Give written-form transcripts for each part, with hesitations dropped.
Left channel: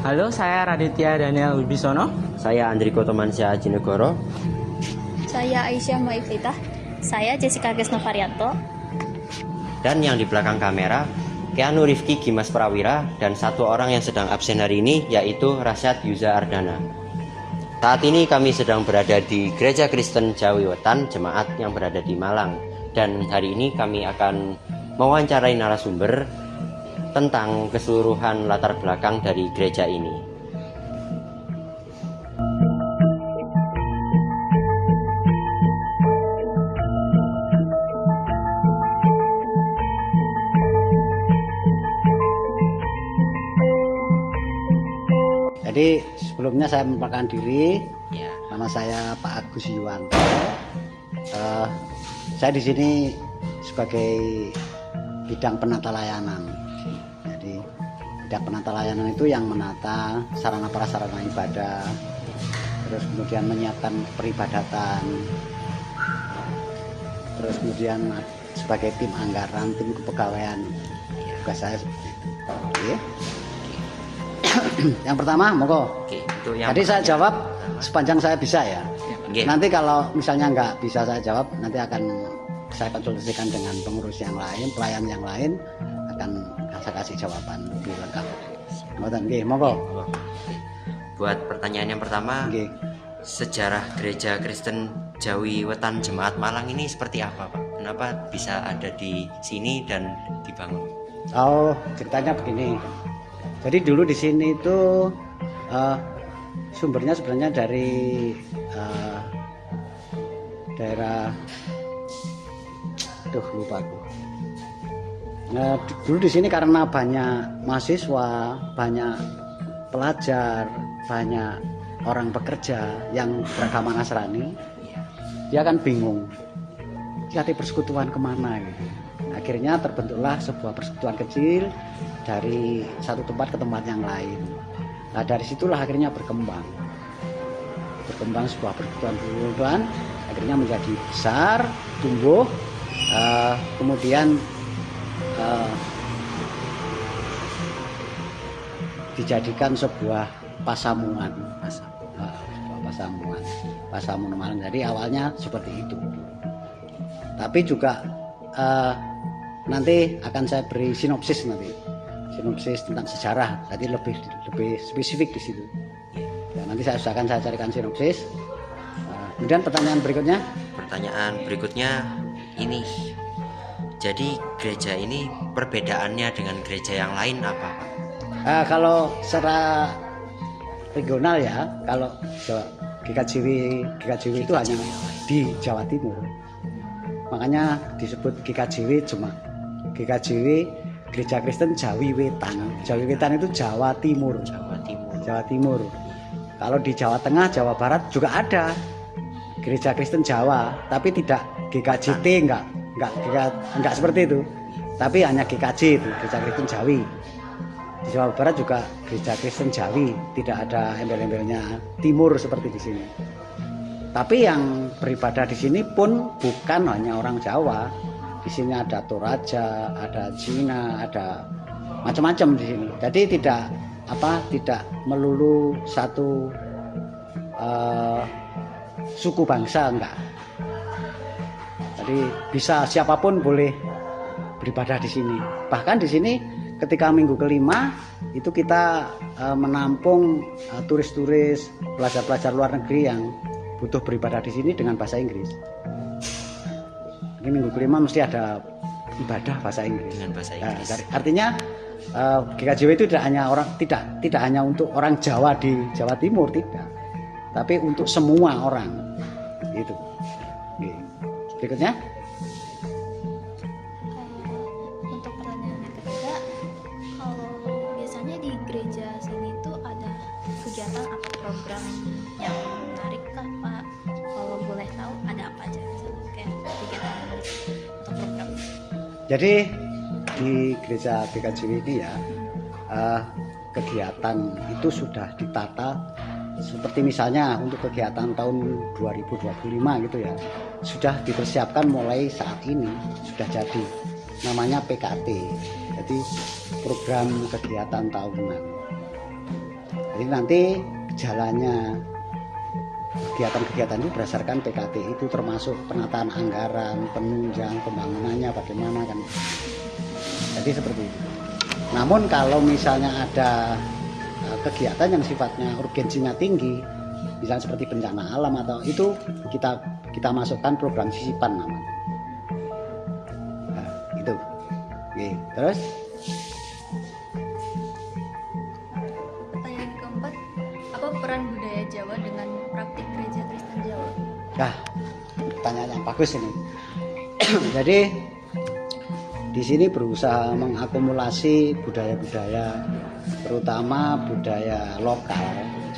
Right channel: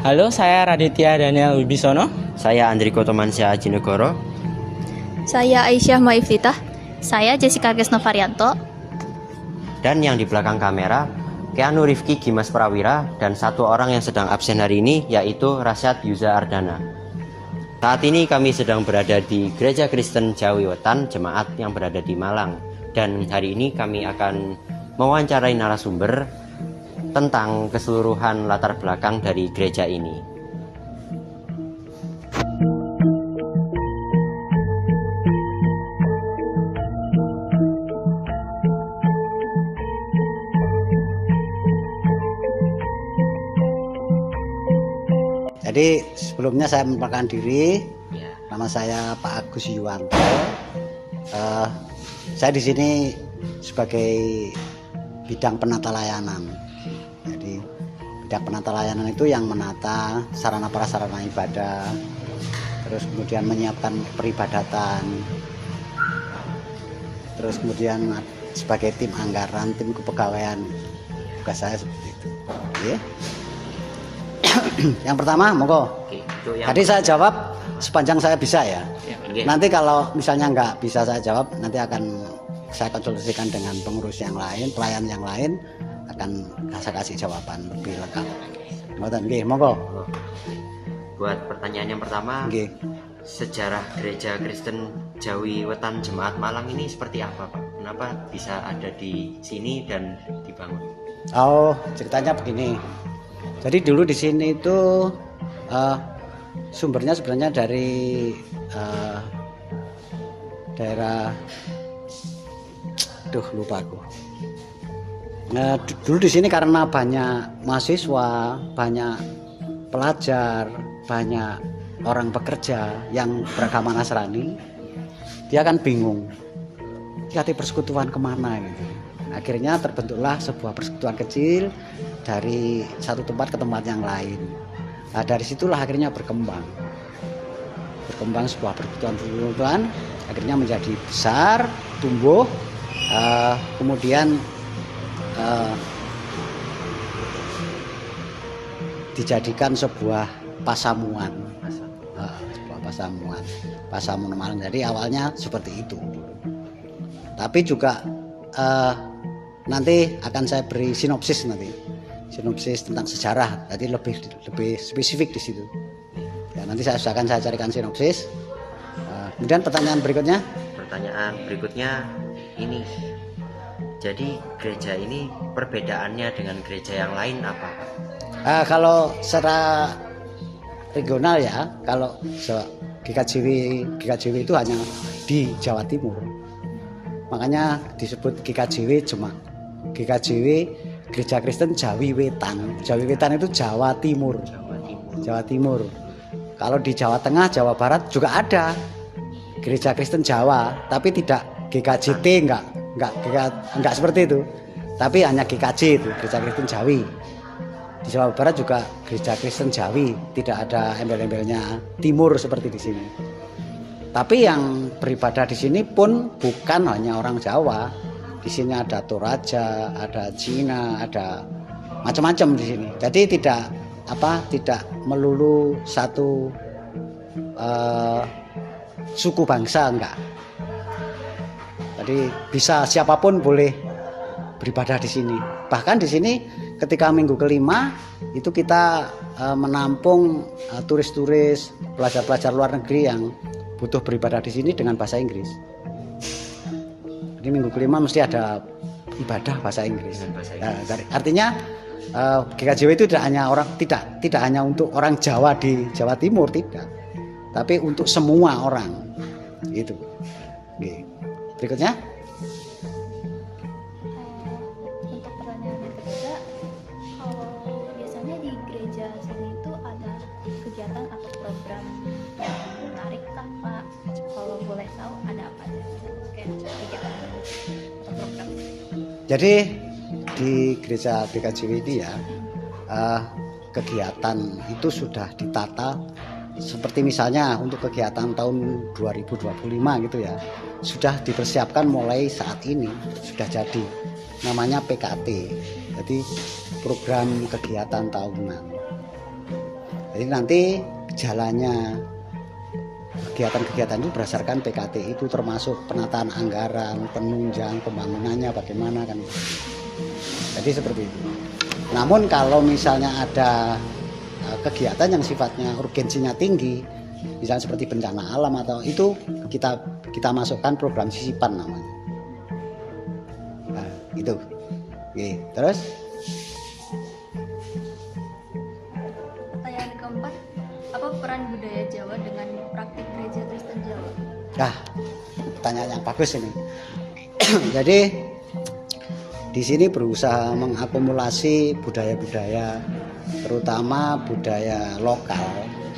Halo, saya Raditya Daniel Wibisono. Saya Andriko Tomansyah Ajinegoro. Saya Aisyah Maiflitah. Saya Jessica Gesnovarianto. Dan yang di belakang kamera, Keanu Rifki Gimas Prawira, dan satu orang yang sedang absen hari ini, yaitu Rasyad Yuza Ardana. Saat ini kami sedang berada di Gereja Kristen Jawi Wetan, jemaat yang berada di Malang. Dan hari ini kami akan mewawancarai narasumber tentang keseluruhan latar belakang dari gereja ini. Jadi sebelumnya saya memperkenalkan diri, Ya. nama saya Pak Agus Yuwanto. Saya di sini sebagai bidang penata layanan. Jadi bidang penata layanan itu yang menata sarana prasarana ibadah, terus kemudian menyiapkan peribadatan, terus kemudian sebagai tim anggaran, tim kepegawaian. Tugas saya seperti itu. Oke. Yang pertama, monggo. Oke, itu yang Tadi saya jawab sepanjang saya bisa ya. Oke. Nanti kalau misalnya nggak bisa saya jawab, nanti akan saya konsultasikan dengan pengurus yang lain, pelayan yang lain, akan saya kasih jawaban lebih lengkap. Monggo. Buat pertanyaan yang pertama, Nggih. sejarah Gereja Kristen Jawi Wetan Jemaat Malang ini seperti apa, Pak? Kenapa bisa ada di sini dan dibangun? Oh, ceritanya begini. Jadi dulu di sini itu sumbernya sebenarnya dari daerah, lupa aku. Nah, dulu di sini karena banyak mahasiswa, banyak pelajar, banyak orang bekerja yang beragama Nasrani, dia kan bingung, cari persekutuan kemana gitu. Akhirnya terbentuklah sebuah persekutuan kecil dari satu tempat ke tempat yang lain. Nah, dari situlah akhirnya berkembang sebuah persekutuan, akhirnya menjadi besar, tumbuh, kemudian dijadikan sebuah pasamuan, pasamuan Malang. Jadi awalnya seperti itu. Tapi juga nanti akan saya beri sinopsis tentang sejarah, jadi lebih spesifik di situ. Ya, nanti saya carikan sinopsis. Kemudian pertanyaan berikutnya Ini, jadi gereja ini perbedaannya dengan gereja yang lain apa, Pak? Kalau secara regional ya, kalau GKJW itu hanya di Jawa Timur, makanya disebut GKJW Gereja Kristen Jawi Wetan. Jawi Wetan itu Jawa Timur. Kalau di Jawa Tengah, Jawa Barat juga ada Gereja Kristen Jawa, tapi tidak GKJT, enggak seperti itu. Tapi hanya GKJ itu, Gereja Kristen Jawi. Di Jawa Barat juga Gereja Kristen Jawi, tidak ada embel-embelnya Timur seperti di sini. Tapi yang beribadah di sini pun bukan hanya orang Jawa. Di sini ada Toraja, ada Cina, ada macam-macam di sini. Jadi tidak melulu satu suku bangsa, enggak. Jadi bisa siapapun boleh beribadah di sini. Bahkan di sini ketika minggu kelima itu kita menampung turis-turis, pelajar-pelajar luar negeri yang butuh beribadah di sini dengan bahasa Inggris. Jadi minggu kelima mesti ada ibadah bahasa Inggris. Artinya GKJW itu tidak hanya untuk orang Jawa di Jawa Timur, tidak, tapi untuk semua orang itu. Berikutnya. Untuk pertanyaan ketiga, biasanya di gereja sini itu ada kegiatan atau program yang menarik kah, Pak? Kalau boleh tahu ada apa aja? Kayak kegiatan atau program. Jadi di gereja GKJW ini ya, kegiatan itu sudah ditata seperti misalnya untuk kegiatan tahun 2025 gitu ya, sudah dipersiapkan mulai saat ini, sudah jadi, namanya PKT, jadi program kegiatan tahunan. Jadi nanti jalannya kegiatan-kegiatan itu berdasarkan PKT itu, termasuk penataan anggaran, penunjang pembangunannya bagaimana kan. Jadi seperti itu. Namun kalau misalnya ada kegiatan yang sifatnya urgensinya tinggi, misalnya seperti bencana alam atau itu, kita masukkan program sisipan namanya. Nah, itu. Oke, terus Pertanyaan keempat, apa peran budaya Jawa dengan praktik gereja Kristen Jawa? Wah, pertanyaan yang bagus ini. Jadi di sini berusaha mengakumulasi budaya-budaya, terutama budaya lokal.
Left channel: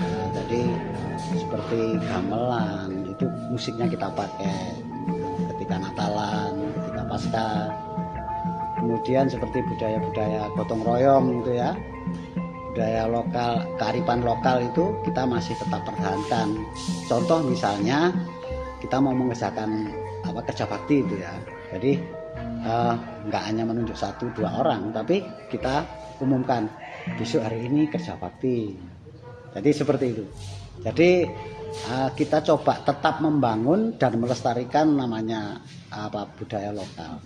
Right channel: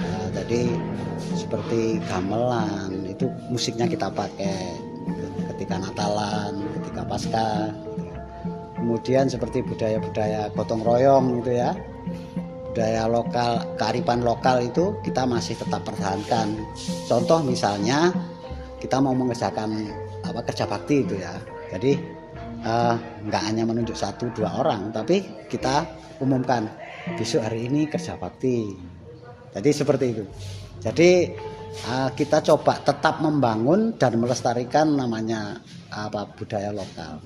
Nah, jadi seperti gamelan itu musiknya kita pakai ketika Natalan, ketika Paskah. Kemudian seperti budaya-budaya gotong royong gitu ya, budaya lokal, kearifan lokal itu kita masih tetap pertahankan. Contoh misalnya kita mau mengerjakan kerja bakti itu ya, jadi nggak hanya menunjuk 1-2 orang, tapi kita umumkan besok hari ini kerja bakti. Jadi seperti itu. Jadi kita coba tetap membangun dan melestarikan namanya budaya lokal,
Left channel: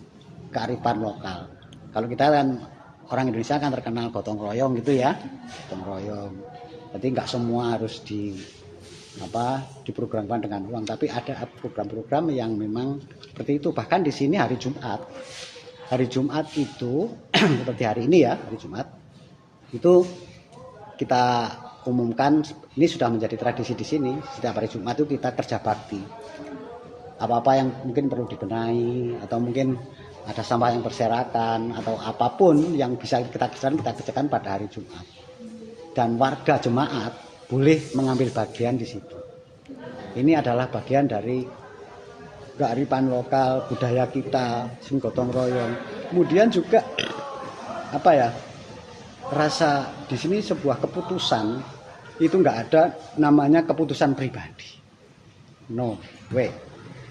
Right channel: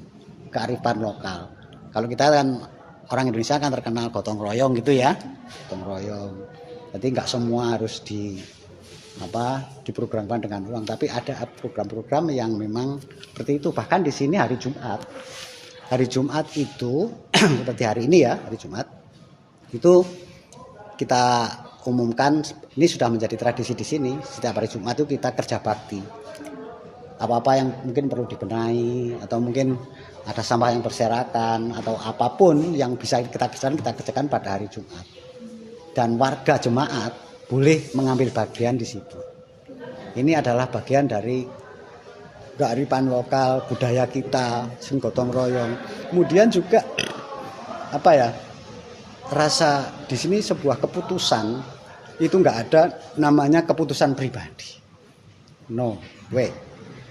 kearifan lokal. Kalau kita kan orang Indonesia kan terkenal gotong royong gitu ya, gotong royong. Jadi nggak semua harus diprogramkan dengan uang, tapi ada program-program yang memang seperti itu. Bahkan di sini hari Jumat itu seperti hari ini ya, hari Jumat itu kita umumkan, ini sudah menjadi tradisi di sini. Setiap hari Jumat itu kita kerja bakti. Apa-apa yang mungkin perlu dibenahi atau mungkin ada sampah yang berserakan atau apapun yang bisa kita kerjakan pada hari Jumat. Dan warga jemaat boleh mengambil bagian di situ. Ini adalah bagian dari kearifan lokal, budaya kita, sing gotong royong. Kemudian juga rasa di sini sebuah keputusan itu nggak ada namanya keputusan pribadi. No way,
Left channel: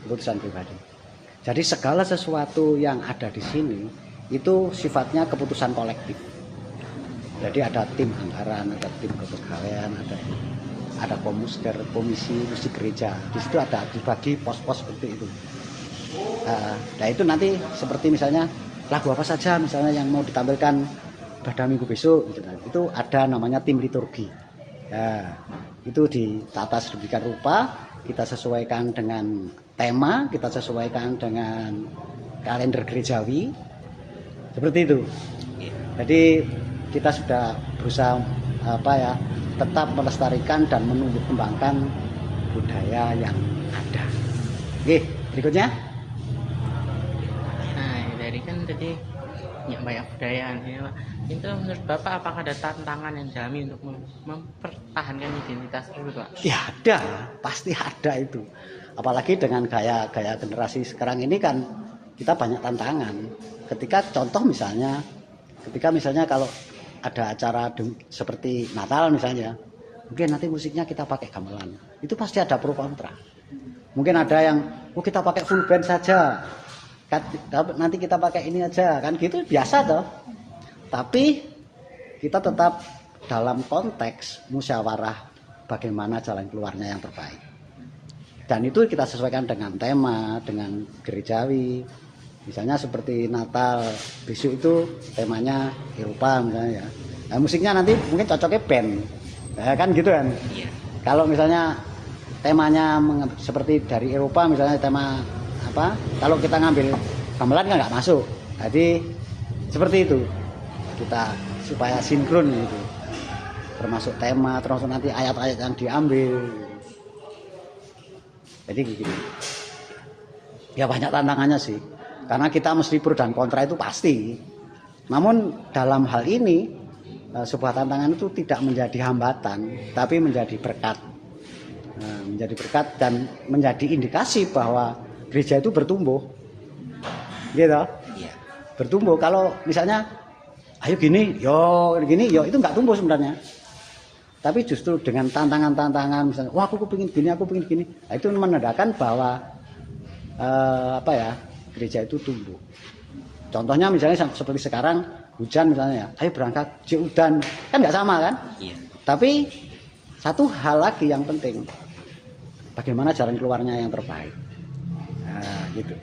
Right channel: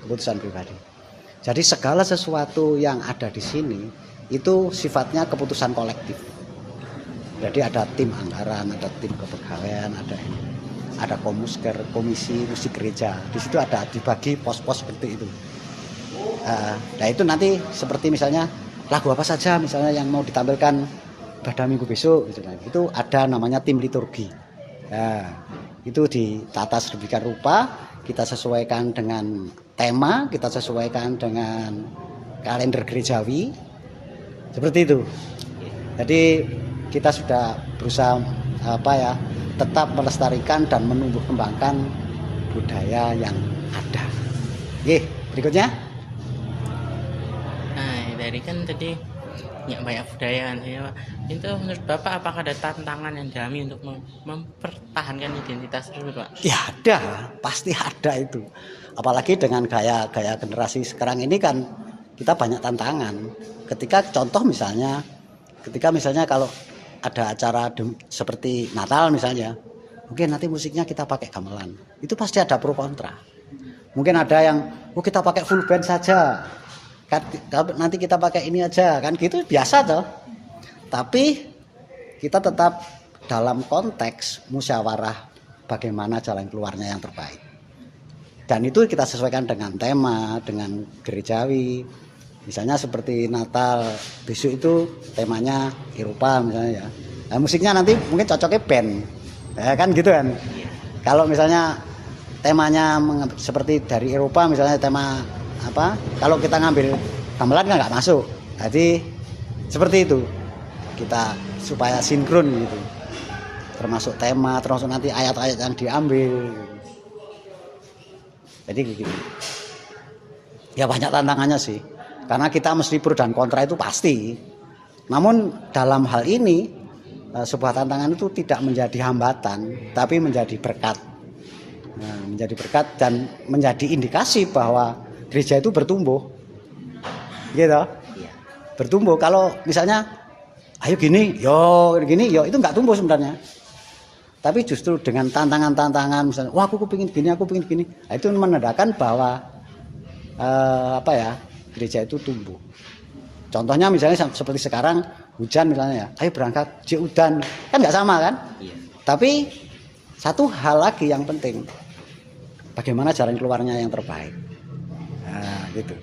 keputusan pribadi. Jadi segala sesuatu yang ada di sini itu sifatnya keputusan kolektif. Jadi ada tim anggaran, ada tim kepegawaian, ada komisi musik gereja. Di situ ada dibagi pos-pos seperti itu. Nah itu nanti seperti misalnya lagu apa saja misalnya yang mau ditampilkan pada minggu besok, itu ada namanya tim liturgi. Nah, itu ditata sedemikian rupa, kita sesuaikan dengan tema, kita sesuaikan dengan kalender gerejawi, seperti itu. Jadi kita sudah berusaha tetap melestarikan dan menumbuh kembangkan budaya yang ada. Oke, berikutnya. Nah, dari kan tadi banyak budaya ya. Itu menurut Bapak apakah ada tantangan yang dihadapi untuk mempertahankan identitas tersebut, Pak? Ya ada, pasti ada itu. Apalagi dengan gaya generasi sekarang ini kan kita banyak tantangan. Ketika misalnya kalau ada acara seperti Natal misalnya, mungkin nanti musiknya kita pakai gamelan. Itu pasti ada pro kontra. Mungkin ada yang kita pakai full band saja. Nanti kita pakai ini aja, kan gitu biasa toh. Tapi kita tetap dalam konteks musyawarah bagaimana jalan keluarnya yang terbaik. Dan itu kita sesuaikan dengan tema, dengan gerejawi. Misalnya seperti Natal, besok itu temanya Eropa misalnya ya. Nah, musiknya nanti mungkin cocoknya band. Ya kan gitu kan. Kalau misalnya temanya seperti dari Eropa misalnya tema kalau kita ngambil gamelan kan nggak masuk. Jadi seperti itu. Kita supaya sinkron gitu, termasuk tema, termasuk nanti ayat-ayat yang diambil. Jadi gitu. Ya banyak tantangannya sih, karena kita mesti pro dan kontra itu pasti. Namun dalam hal ini sebuah tantangan itu tidak menjadi hambatan, tapi menjadi berkat. Menjadi berkat dan menjadi indikasi bahwa gereja itu bertumbuh, gitu. Bertumbuh. Kalau misalnya ayo gini, yo itu nggak tumbuh sebenarnya. Tapi justru dengan tantangan-tantangan, misalnya, wah aku pengen gini, nah, itu menandakan bahwa gereja itu tumbuh. Contohnya misalnya seperti sekarang hujan misalnya, ayo berangkat udan, kan nggak sama kan? Iya. Tapi satu hal lagi yang penting, bagaimana jalan keluarnya yang terbaik. Nah, gitu.